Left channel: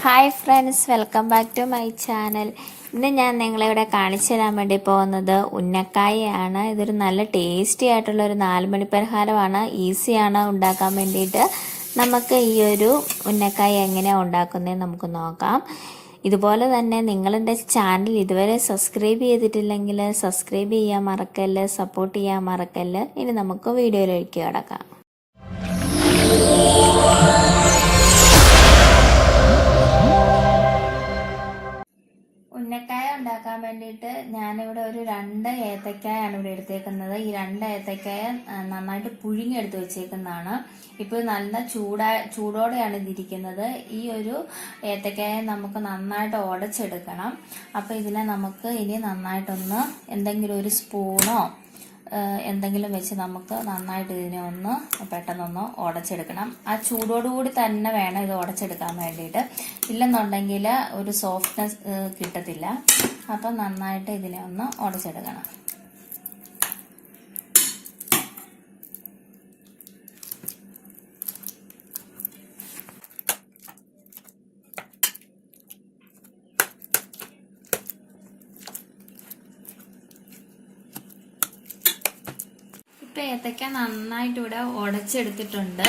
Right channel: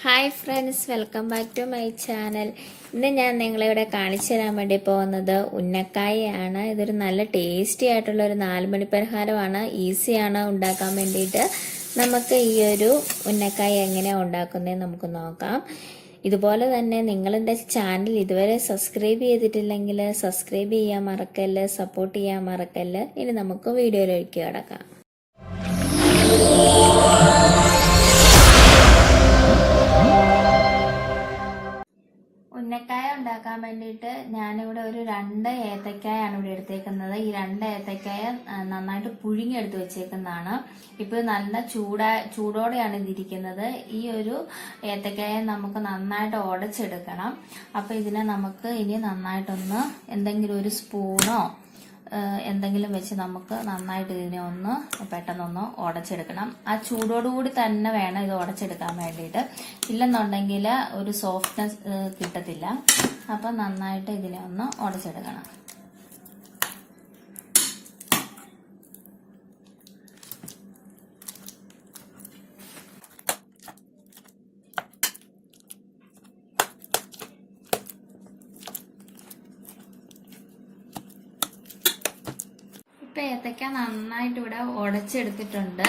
Hi friends, welcome back to my channel. ഇന്ന് ഞാൻ നിങ്ങളിവിടെ കാണിച്ചു തരാൻ വേണ്ടി പോകുന്നത് ഉന്നക്കായയാണ്. ഇതൊരു നല്ല ടേസ്റ്റി ആയിട്ടുള്ള ഒരു 4 മണി പലഹാരമാണ്. ഈസിയാണ് ഉണ്ടാക്കാൻ വേണ്ടിയിട്ട്. നമുക്ക് ഈ ഒരു ഉന്നക്കായ എങ്ങനെയാണ് ഉണ്ടാക്കുന്നത് നമുക്ക് നോക്കാം. ഇതുപോലെ തന്നെ നിങ്ങളുടെ ചാനൽ ഇതുവരെ സബ്സ്ക്രൈബ് ചെയ്തിട്ടില്ലെങ്കിൽ സബ്സ്ക്രൈബ് ചെയ്യാൻ മറക്കല്ല്, സപ്പോർട്ട് ചെയ്യാൻ മറക്കല്ല്. ഇനി നമുക്ക് വീഡിയോയിലേക്ക് കിടക്കാം. ഉന്നക്കായ ഉണ്ടാക്കാൻ വേണ്ടിയിട്ട് ഞാനിവിടെ ഒരു 2 ഏത്തക്കായാണ് ഇവിടെ എടുത്തേക്കുന്നത്. ഈ 2 ഏത്തക്കായ നന്നായിട്ട് പുഴുങ്ങിയെടുത്ത് വെച്ചേക്കുന്നതാണ്. ഇപ്പോൾ നല്ല ചൂടോടെയാണ് ഇതിരിക്കുന്നത്. ഈ ഒരു ഏത്തക്കായ നമുക്ക് നന്നായിട്ട് ഉടച്ചെടുക്കണം. അപ്പോൾ ഇതിനെ നമുക്ക് ഇനി നന്നായിട്ടൊന്ന് എന്തെങ്കിലും ഒരു സ്പൂണോ എന്തെങ്കിലും വെച്ച് നമുക്ക് നന്നായിട്ട് ഇതിനെ ഒന്ന് പെട്ടെന്നൊന്ന് ഉടച്ചെടുക്കണം. ആ ചൂടോടുകൂടി തന്നെ വേണം ഇത് ഉടച്ചെടുക്കാൻ വേണ്ടിയിട്ട്. ഇല്ലെന്നുണ്ടെങ്കിൽ ഒരു സോഫ്റ്റ്നെസ് കിട്ടത്തില്ല. അപ്പം നന്നായിട്ട് ഇതിനെ ഒന്ന് ഉടച്ചെടുക്കണം. ഇപ്പൊ ഏത്തക്ക നന്നായിട്ട് ഇവിടെ ഉടച്ചെടുത്തിട്ടുണ്ട്.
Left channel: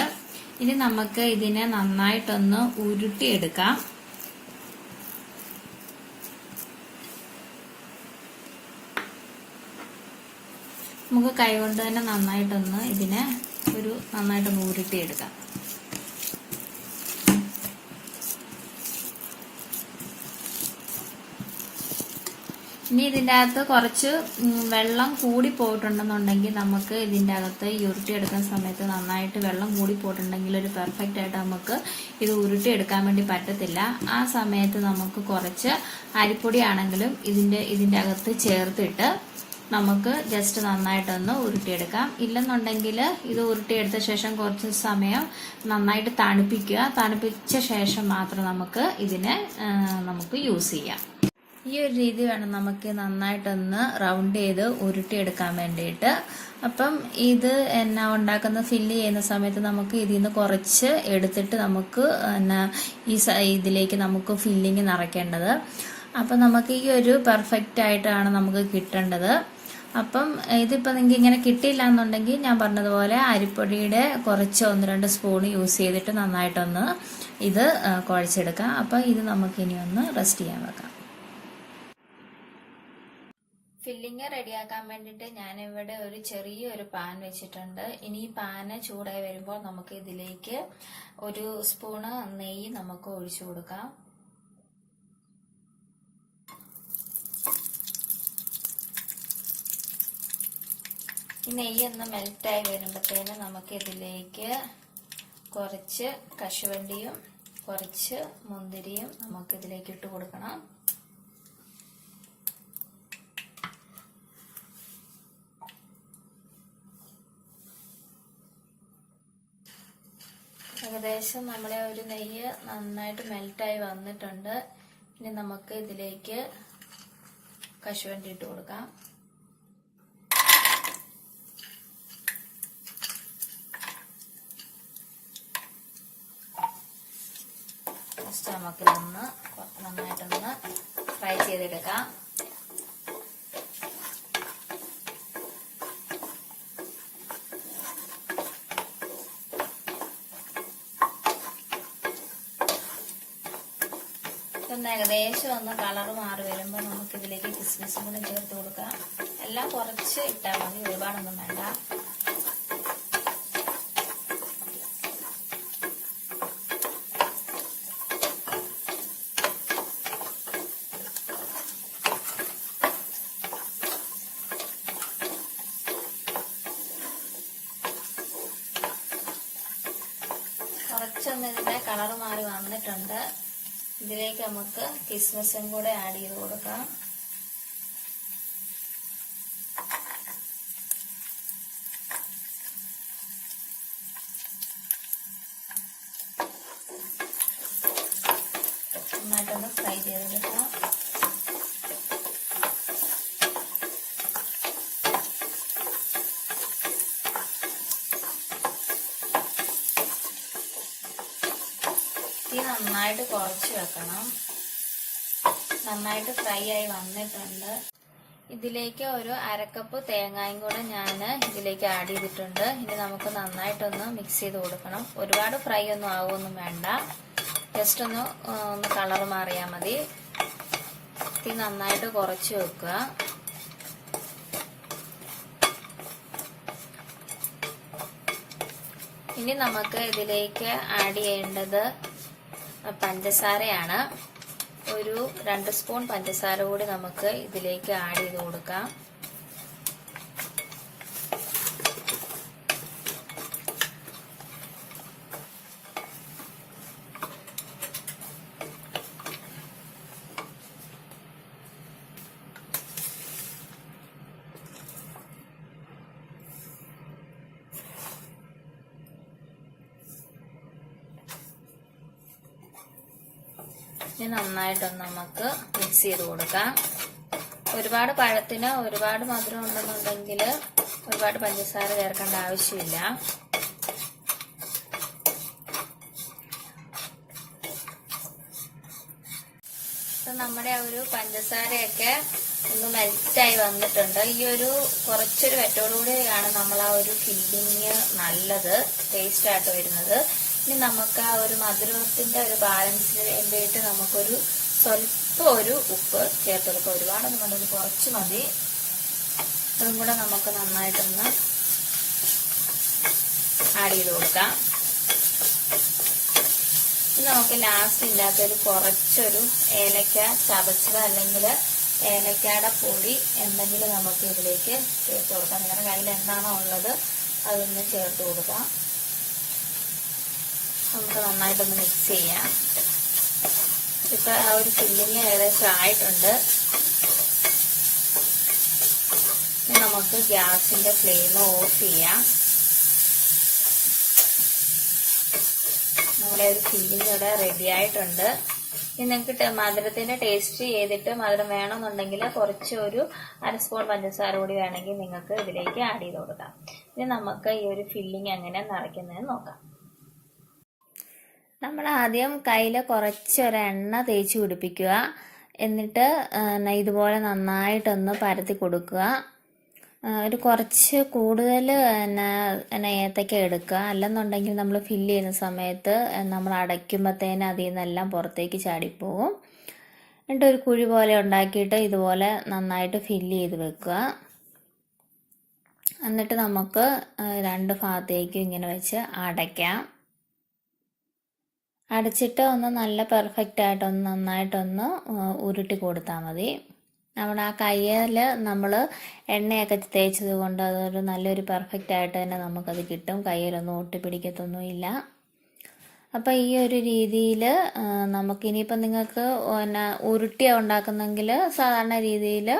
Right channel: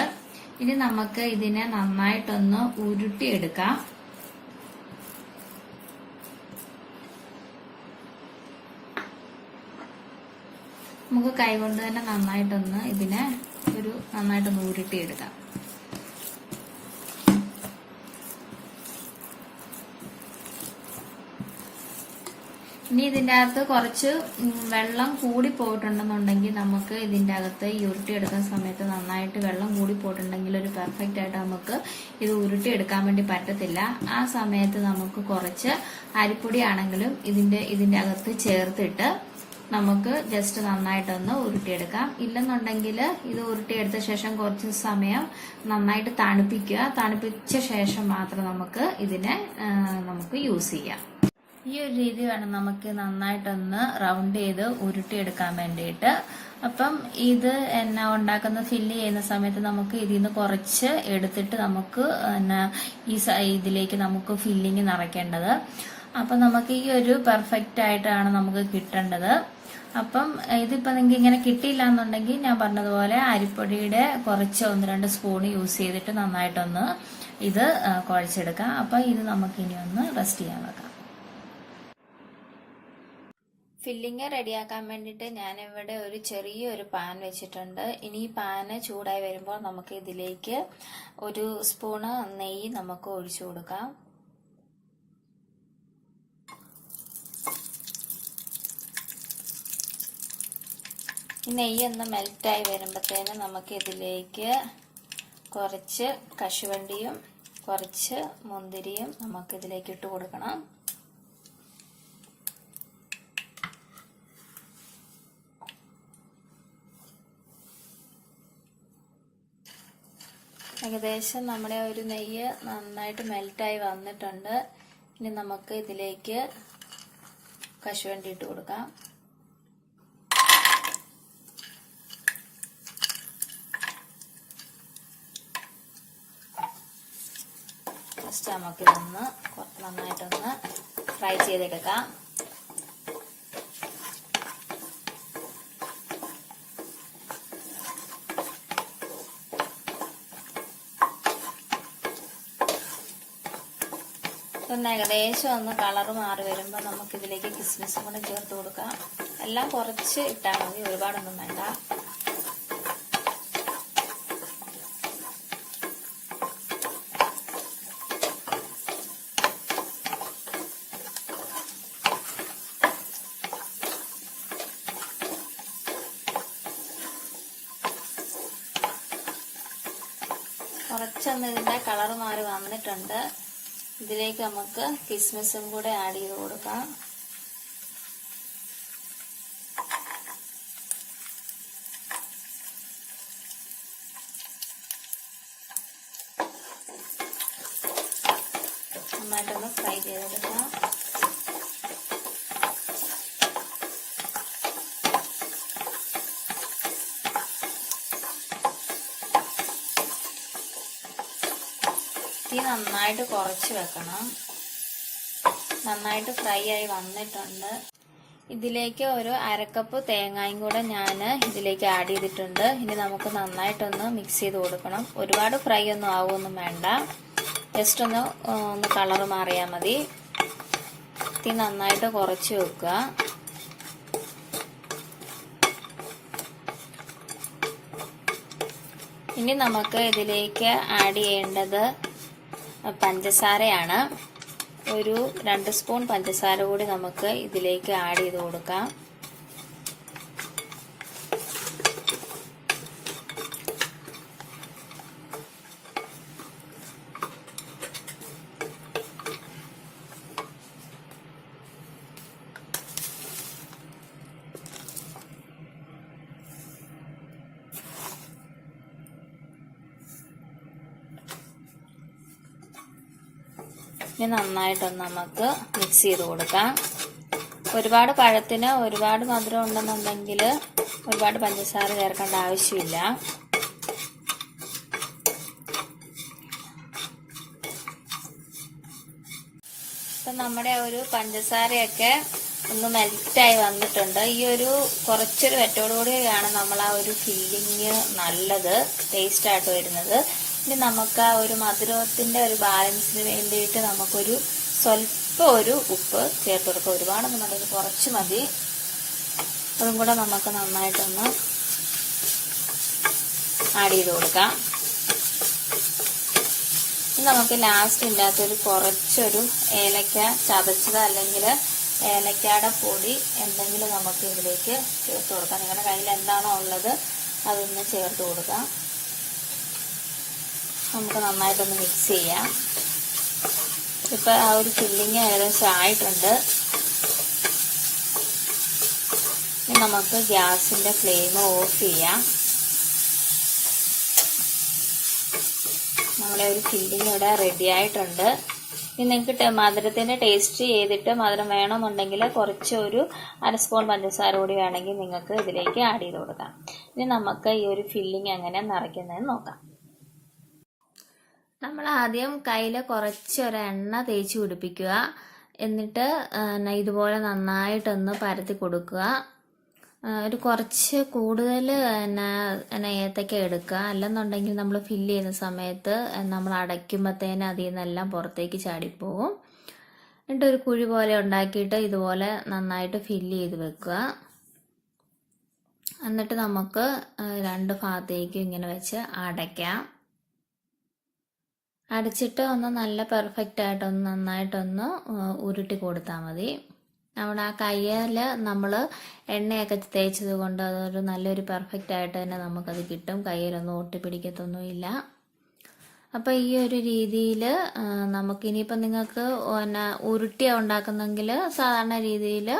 ഇനി നമുക്ക് ഇതിനെ നന്നായിട്ടൊന്ന് ഉരുട്ടിയെടുക്കാം. നമുക്ക് കൈകൊണ്ട് തന്നെ നന്നായിട്ടൊന്ന് ഇതിനെ നന്നായിട്ടൊന്ന് ഉരുട്ടിയെടുക്കാം. ഇനി ഇതിൻ്റെ അകത്ത് കുറച്ച് വെള്ളം കൂടി പോയിട്ടുണ്ടെന്നുണ്ടെങ്കിൽ നമുക്ക് ഇതിൻ്റെ അകത്ത് ഉരുട്ടിയെടുക്കുന്ന സമയത്ത് നന്നായിട്ട് വെള്ളം കൂടി പോയിട്ടുണ്ടെങ്കിൽ ഒരു പെർഫെക്റ്റ് ആയിട്ട് നമുക്ക് ഇത് ഉരുട്ടിയെടുക്കാൻ വേണ്ടി പറ്റത്തില്ല. ആ സമയത്ത് നമുക്ക് കുറച്ച് അരിപ്പൊടി ആണെങ്കിലും ഇതിൻ്റെ അകത്ത് ചേർത്തിട്ട് നമുക്ക് ജസ്റ്റ് നന്നായിട്ടൊന്ന് ഉരുട്ടിയെടുക്കാം. ഇല്ലെന്നുണ്ടെങ്കിൽ ഇത് ഉരുട്ടിയെടുത്ത ശേഷം കുറച്ച് സമയം നന്നായിട്ട് തണുപ്പിക്കുക. തണുപ്പിച്ച ശേഷം മാത്രം നമുക്ക് ഇതിനെ യൂസ് ചെയ്യാം. ഈ ഒരു രീതി വേണം നമുക്ക് നന്നായിട്ടൊന്ന് റൗണ്ട് ചെയ്ത് ഉരുട്ടിയെടുക്കാൻ വേണ്ടിയിട്ട്. അപ്പം ഇത് ഉണ്ടാക്കുന്ന ഫില്ല് ചെയ്യുന്ന സമയത്ത് നമുക്ക് ഇതിൽ നിന്ന് കുറച്ച് എടുത്തിട്ട് നമുക്ക് ഇതിലേക്ക് നമുക്ക് ഫില്ലിങ് നിറയ്ക്കേണ്ടത്. അപ്പം നമുക്ക് ഈ ഒരു പെർഫെക്റ്റ് ആയിട്ടാണ് നമുക്ക് കിട്ടേണ്ടത്. അപ്പം ഇതിപ്പോൾ നിങ്ങൾക്ക് ഇങ്ങനെ കിട്ടിയില്ല എന്നുണ്ടെങ്കിൽ ഞാൻ പറഞ്ഞതുപോലെ അരിപ്പൊടിയുടെ കുറച്ച് 1-2 സ്പൂൺ യൂസ് ചെയ്തിട്ട് നന്നായിട്ടൊന്ന് ഇത് കുഴച്ചെടുക്കാം. അപ്പം ഇത് നമുക്ക് ഇനി ഒന്ന് റെസ്റ്റ് ചെയ്യാൻ വെക്കാം. ഫില്ലിങ് റെഡിയാക്കാൻ വേണ്ടിയിട്ട് ഞാനിവിടെ ഒരു ചെറിയൊരു പാൻ വെച്ചിട്ടുണ്ട്. ഇനി ഈ പാന് ചൂടായി വരുമ്പോൾ നമുക്ക് ഇതിലേക്ക് 1 സ്പൂണ് നെയ്യ് നമുക്ക് ഒഴിച്ചു കൊടുക്കാം. ഈ നെയ്യ് ഒന്ന് മെൽറ്റായി വരുമ്പോഴത്തേനും നമുക്ക് ഇതിലേക്ക് കുറച്ച് കശുവണ്ടിയും കുറച്ച് മുന്തിരിയും നമുക്ക് ഇതിലേക്ക് ഇട്ട് കൊടുക്കണം. ഏകദേശം നമ്മുടെ ഒരു നെയ്യ് നന്നായിട്ട് മെൽറ്റായി വന്നിട്ടുണ്ട്. ഇനി നമുക്ക് ഇതിലേക്ക് കശുവണ്ടി ഇട്ട് കൊടുക്കാം. ഫസ്റ്റ് നമുക്കിതൊന്ന് നന്നായിട്ടൊന്ന് ഫ്രൈ ചെയ്തെടുക്കാം. ഏകദേശം ഒന്ന് കളർ മാറി വരുമ്പോൾ നമുക്ക് ഇതിലേക്ക് കിസ്മിസും കൂടെ ചേർത്ത് കൊടുക്കാം. എല്ലാം കുറച്ച് ഇട്ടാൽ മതി, ഒരുപാടൊന്നും വേണ്ട. കുറച്ചൊന്ന് ഇതിന്റെ കളർ മാറി വന്നിട്ടുണ്ട്. ഇതിലേക്ക് നമുക്ക് കിസ്മിസും കൂടെ ആഡ് ചെയ്ത് കൊടുക്കാം. നന്നായിട്ടൊന്ന് ഫ്രൈ ചെയ്തെടുക്കാം. തീ നന്നായിട്ട് കുറച്ച് വെക്കണം. നന്നായിട്ട് ഫ്രൈ ആയി വന്നിട്ടുണ്ട്. ഇതിലേക്ക് ഒരു അരക്കപ്പ് തേങ്ങയും കൂടെ ഞാൻ ഇതിലേക്ക് ആഡ് ചെയ്തിട്ടുണ്ട്. ഇനി നമുക്ക് നന്നായിട്ടൊന്ന് മിക്സ് ചെയ്ത് കൊടുക്കണം. ഒരുപാട് ഫ്രൈ ഒന്നും ആവുമൊന്നും വേണ്ട, ജസ്റ്റ് ഒന്ന് കളർ മാറിയാൽ മതി. തീ നന്നായിട്ട് കുറച്ച് വെക്കുക. ഇനി നമുക്ക് ഇതിലേക്ക് ആഡ് ചെയ്യേണ്ടത് പഞ്ചസാരയാണ്. ഒരു 2 സ്പൂൺ പഞ്ചസാര കൂടി നമുക്ക് ഇതിലേക്ക് ആഡ് ചെയ്ത് കൊടുക്കാം. ഇനി നന്നായിട്ടൊന്ന് നമുക്ക് മിക്സ് ചെയ്ത് കൊടുക്കാം. ഒരുപാട് പഴത്തിന് ഒരുപാട് മധുരം ഉണ്ടെന്നുണ്ടെങ്കിൽ ഒരുപാട് പഞ്ചസാര ചേർക്കേണ്ട ആവശ്യമില്ല. അപ്പം നമ്മുടെ ഒരു പഞ്ചസാരയൊക്കെ ഒന്ന് മെൽറ്റായി വന്നിട്ടുണ്ട്. ഈ ഒരു കുറച്ചൊരു വെറ്റോടുകൂടിയാണ് നമ്മൾ ആ ഒരു ഫില്ലിങ് നല്ലത് ടേസ്റ്റ് ആയിട്ട് വരുന്നത്. ഇനി നമുക്ക് ആ ഒരു മധുരത്തിന്റെ ഒരു ബാലൻസിന് വേണ്ടിയിട്ട് നമുക്കൊരു സ്വല്പം ഒരു ഉപ്പ് ചേർത്ത് കൊടുക്കാം. ഒരുപാടൊന്നും വേണ്ട, കുറച്ച് മതി. അതും കൂടെ നമുക്ക് നന്നായിട്ടൊന്ന് ആഡ് ചെയ്ത് കൊടുക്കാം. നമുക്ക് ലാസ്റ്റ് ഇല്ലാത്തൊരു കുറച്ചൊരു ഏലക്ക ചതച്ചത് അല്ലെങ്കിൽ ഏലക്കയുടെ പൊടി എന്തെങ്കിലും നമുക്ക് ഇതിലേക്ക് ചേർത്ത് കൊടുക്കാം. നിങ്ങളുടെ കയ്യിൽ എന്താണോ ഉള്ളത് അതൊന്ന് ചേർത്ത് കൊടുക്കാം. നമുക്ക് നന്നായിട്ടൊന്ന് മിക്സ് ചെയ്യാം. ഇപ്പൊ ആ ഒരു ഫില്ലിങ് ഏകദേശം ആയിട്ടുണ്ട്. ഇനി നമുക്ക് ഗ്യാസിന്റെ ഫ്ലെയിം ഓഫ് ചെയ്യാം. നമ്മുടെ ഒരു ഫില്ലിങ് ഇവിടെ റെഡി ആയിട്ടുണ്ട്. ഇനി നിങ്ങൾക്ക് മധുരത്തിന്റെ ടേസ്റ്റ് ചെയ്തിട്ട് മധുരം വേണമെന്നുണ്ടെങ്കിൽ കുറച്ച് ഒരു 1 സ്പൂൺ പഞ്ചസാര കൂടി വേണമെങ്കിൽ നിങ്ങൾക്ക് ഇതിലേക്ക് ആഡ് ചെയ്ത് കൊടുക്കാം. ഇനി നമുക്ക് ഈ ഒരു ഫില്ലിങ് എങ്ങനെ നിറയ്ക്കുന്നതെന്ന് നോക്കാം. നമ്മൾ ആദ്യം കയ്യിൽ കുറച്ചൊരു എണ്ണ തേച്ച് പിടിപ്പിക്കുക. എന്നിട്ട് ഇതുപോലെ നന്നായിട്ടൊന്ന് പരത്തി കൊടുക്കുക. ഒരു കുറച്ച് കൂടുതൽ ഏത്തക്ക എടുക്കുക. അല്ലെന്നുണ്ടെങ്കിൽ നമ്മൾ ഫില്ല് ചെയ്യുന്ന സമയത്ത് നമ്മൾ അടയ്ക്കുമ്പോഴത്തേന് അതിൽ നിന്നെല്ലാം പുറത്തേക്ക് ചാടിപ്പോവും. എന്നിട്ട് ഒരു കുഴി പോലെ ഉണ്ടാക്കിയിട്ട് ഇതുപോലെ നന്നായിട്ട് ഫില്ല് ചെയ്ത് വെക്കുക. എന്നിട്ട് നമുക്ക് 2 ഭാഗത്തേക്കും ഇങ്ങനെ വെച്ച് അടയ്ക്കാം. അടച്ചിട്ട് ഒന്ന് നല്ല പെർഫെക്റ്റ് ആയിട്ടൊന്ന് നന്നായിട്ടൊന്ന് ഉരുട്ടി കൊടുത്താൽ മതി. നമ്മുടെ ആ കയ്യിൽ നമ്മൾ എണ്ണയൊക്കെ തേച്ചത് കൊണ്ട് അതൊരു നല്ലൊരു പെർഫെക്റ്റ് ആയിട്ട് തന്നെ നമുക്കത് കിട്ടും. കയ്യിലൊന്നും ഒട്ടിപ്പിടിക്കത്തൊന്നുമില്ല. അപ്പോൾ ഈ ഒരു രീതിയിൽ നമുക്കിനിയിപ്പം നിങ്ങൾക്ക് ഉരുട്ടി ഉണ്ടാക്കുന്നെങ്കിൽ സാധാരണ രീതിയിൽ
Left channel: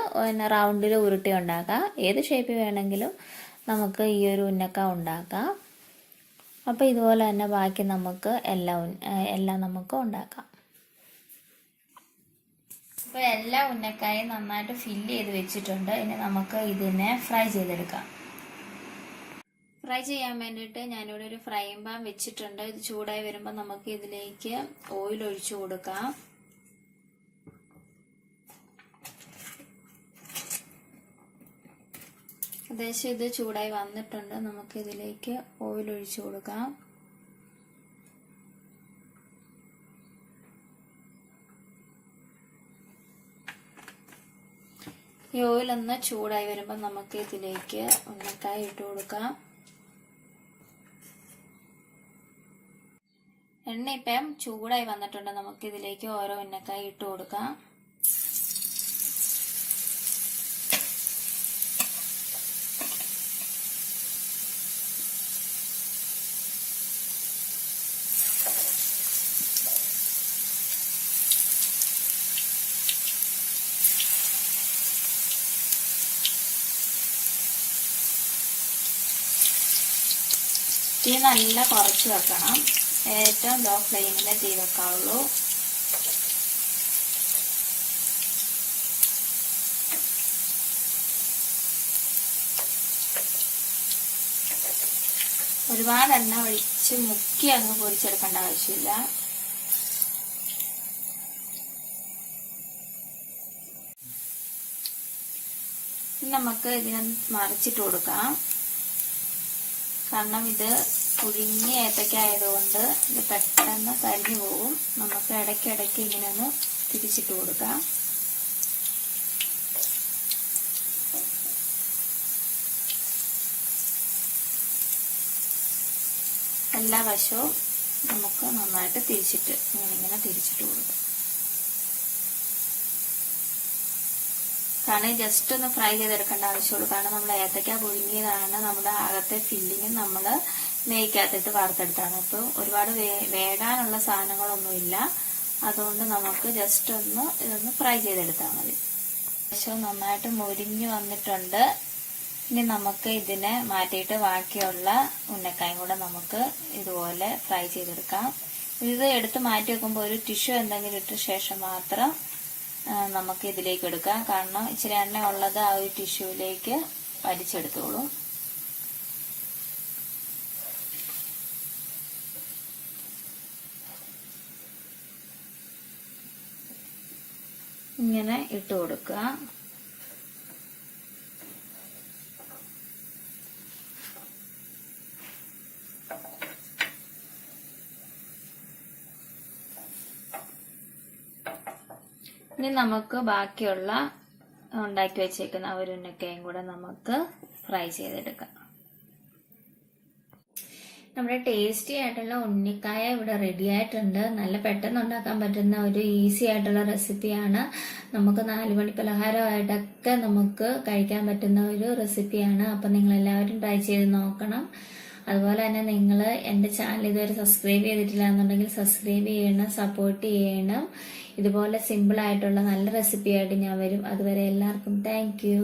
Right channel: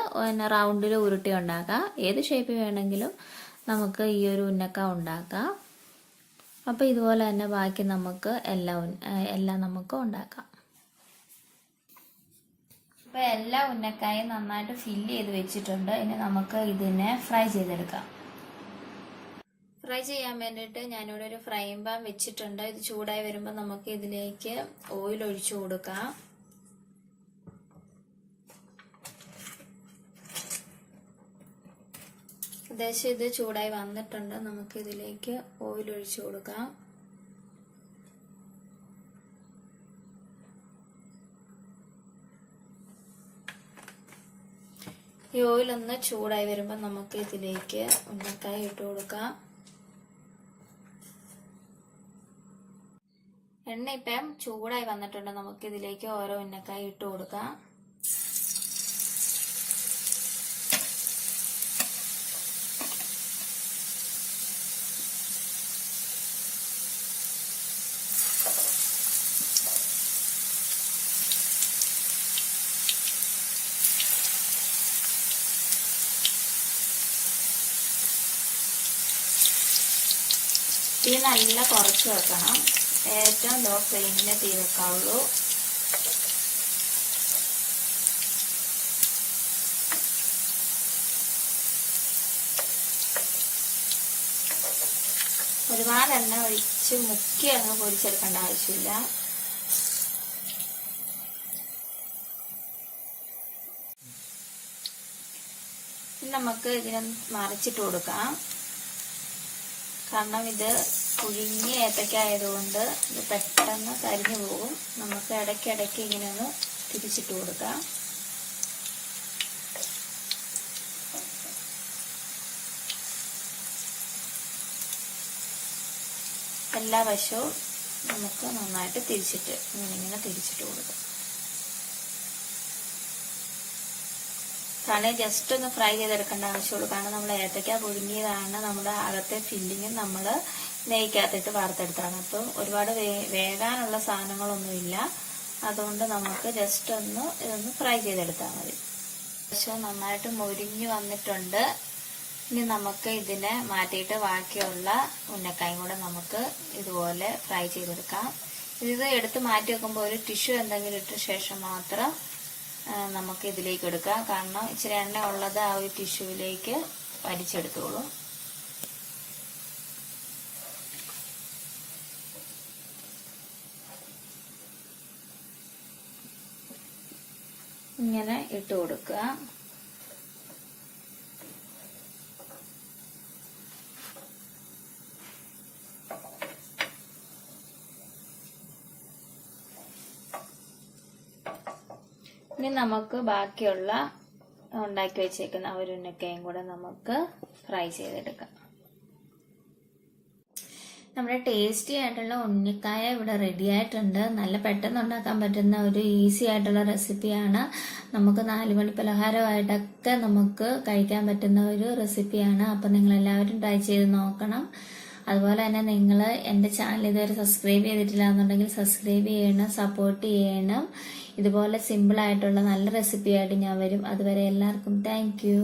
റൗണ്ടിൽ ഉരുട്ടി ഉണ്ടാക്കാം. ഏത് ഷേപ്പിൽ വേണമെങ്കിലും നമുക്ക് ഈ ഒരു ഉന്നക്ക ഉണ്ടാക്കാം. അപ്പോൾ ഇതുപോലെ തന്നെ ബാക്കി നമുക്ക് എല്ലാം നമുക്ക് ഉണ്ടാക്കാം. അപ്പോൾ എല്ലാ ഉന്നക്കായും നന്നായിട്ട് ഫില്ല് ചെയ്ത് വെച്ചിട്ടുണ്ട്. ഇനി നമുക്ക് ഇതിനെ ഫ്രൈ ചെയ്തെടുക്കാം. ഫ്രൈ ചെയ്യാൻ വേണ്ടിയിട്ട് ഞാനിവിടെ ഒരു ഫ്രൈയിങ് പാൻ വെച്ചിട്ടുണ്ട്. ഇത് ചൂടായി വരുമ്പോൾ നമുക്ക് ഇതിലേക്ക് ഓയിൽ ഒഴിച്ചു കൊടുക്കാം. ഏകദേശം ഇത് ചൂടായി വന്നിട്ടുണ്ട്. നമുക്ക് ഇതിലേക്ക് ഓയിൽ ഒഴിച്ചു കൊടുക്കാം. ഈ ഓയിൽ ഒന്ന് ചൂടായി വരുമ്പോൾ നമുക്ക് ഇതിലേക്ക് ഉന്നക്കായ ഇട്ട് കൊടുക്കാം. എണ്ണ ഇപ്പം ചൂടായി വന്നിട്ടുണ്ട്. നമുക്ക് ഇതിലേക്ക് ഓരോ ഉന്നക്കായ ഇട്ട് കൊടുക്കാം. തീ നല്ല കുറച്ച് വെക്കണം. ഏറ്റവും ലോ ഫ്ലെയിമിൽ തീ വെക്കാവുള്ളൂ. ഒരുപാട് എണ്ണ ഒഴിച്ച് മുക്കി അങ്ങ് പൊരിച്ചെടുക്കേണ്ട ആവശ്യമില്ല. നമുക്ക് ഇതിനെ മറിച്ചിട്ട് കൊടുക്കാം. കാരണം ഇത് പുഴുങ്ങിയ ഏത്തക്ക ആയതുകൊണ്ട് ഇത് പെട്ടെന്ന് കരിഞ്ഞു പോകും. നമുക്ക് ഇടയ്ക്കിടയ്ക്ക് ഇങ്ങനെ ഒന്ന് തിരിച്ചിട്ട് കൊടുക്കാം. എല്ലാ വശവും നമുക്ക് നന്നായിട്ട് ഇങ്ങനെ തിരിച്ചിട്ട് കൊടുക്കാം. കാരണം ജസ്റ്റ് ഒന്ന് ഫ്രൈ ചെയ്തെടുക്കേണ്ട ആവശ്യമുള്ളൂ. കാരണം നമ്മൾ ഏത്തക്ക പുഴുങ്ങിയതാണ്. നമ്മുടെ അകത്തെ ഫില്ലിങ്ങും നമ്മൾ നെയ്ക്കകത്തിട്ട് വറുത്തെടുത്താണ്. അപ്പോൾ ഒരുപാട് വേകാനുള്ള സാധനങ്ങളൊന്നുമില്ല. അതുകൊണ്ട് നമുക്ക് ജസ്റ്റ് ഇതൊന്ന് ഫ്രൈ ചെയ്തെടുത്താൽ മതി. വശവും നന്നായിട്ട് മുരിഞ്ഞ് വന്നിട്ടുണ്ട്. ഇനി നമുക്ക് ഇതിനെ മാറ്റിയിട്ട് ബാക്കിയുള്ള ഉന്നക്കായും കൂടെ നമുക്ക് ഇതുപോലെ ഫ്രൈ ചെയ്തെടുക്കാം. ഇത് എടുത്ത് മാറ്റി വെക്കുമ്പോൾ ഒരു ടിഷ്യൂ എന്തെങ്കിലും ഇട്ട ശേഷം മാത്രം നമുക്ക് ഇതിലേക്ക് എടുക്കാം. കാരണം ഇച്ചിരി എണ്ണ ഉള്ളത് ആ ഒരു ടിഷ്യൂവിലേക്ക് വലിച്ചെടുത്തോളും. ഇങ്ങനെ ഇട്ട് കൊടുക്കുക. ഇനി നമുക്ക് ബാക്കിയുള്ള ഉണ്ടാക്കി വെച്ചേക്കുന്ന ഒരു ഉന്നക്കയും കൂടെ നമുക്ക് ഫ്രൈ ചെയ്തെടുക്കാം. നമ്മുടെ ടേസ്റ്റി ആയിട്ടുള്ള ഉന്നക്കായ ഇവിടെ റെഡി ആയിട്ടുണ്ട്. നല്ല പെട്ടെന്ന് ഉണ്ടാക്കാൻ പറ്റുന്ന ഒരു ഈസി ആയിട്ടുള്ള റെസിപ്പിയാണ്. നമുക്ക് 4 മണി പലഹാരമായിട്ടൊക്കെ നമുക്ക് കഴിക്കാൻ പറ്റുന്ന ഒരു റെസിപ്പിയാണ്. അപ്പം നിങ്ങൾ എല്ലാവരും ട്രൈ ചെയ്ത് നോക്കണം. അതുപോലെ തന്നെ നിങ്ങൾ എൻ്റെ ചാനൽ ഇതുവരെ സബ്സ്ക്രൈബ് ചെയ്തിട്ടില്ല എന്നുണ്ടെങ്കിൽ സബ്സ്ക്രൈബ് ചെയ്യണം, സപ്പോർട്ട് ചെയ്യണം. ഇതുപോലെ സിമ്പിൾ ആയിട്ടുള്ള നല്ല റെസിപ്പി ആയിട്ട് ഞാൻ വരും. അതുവരെ എല്ലാവർക്കും താങ്ക് യു.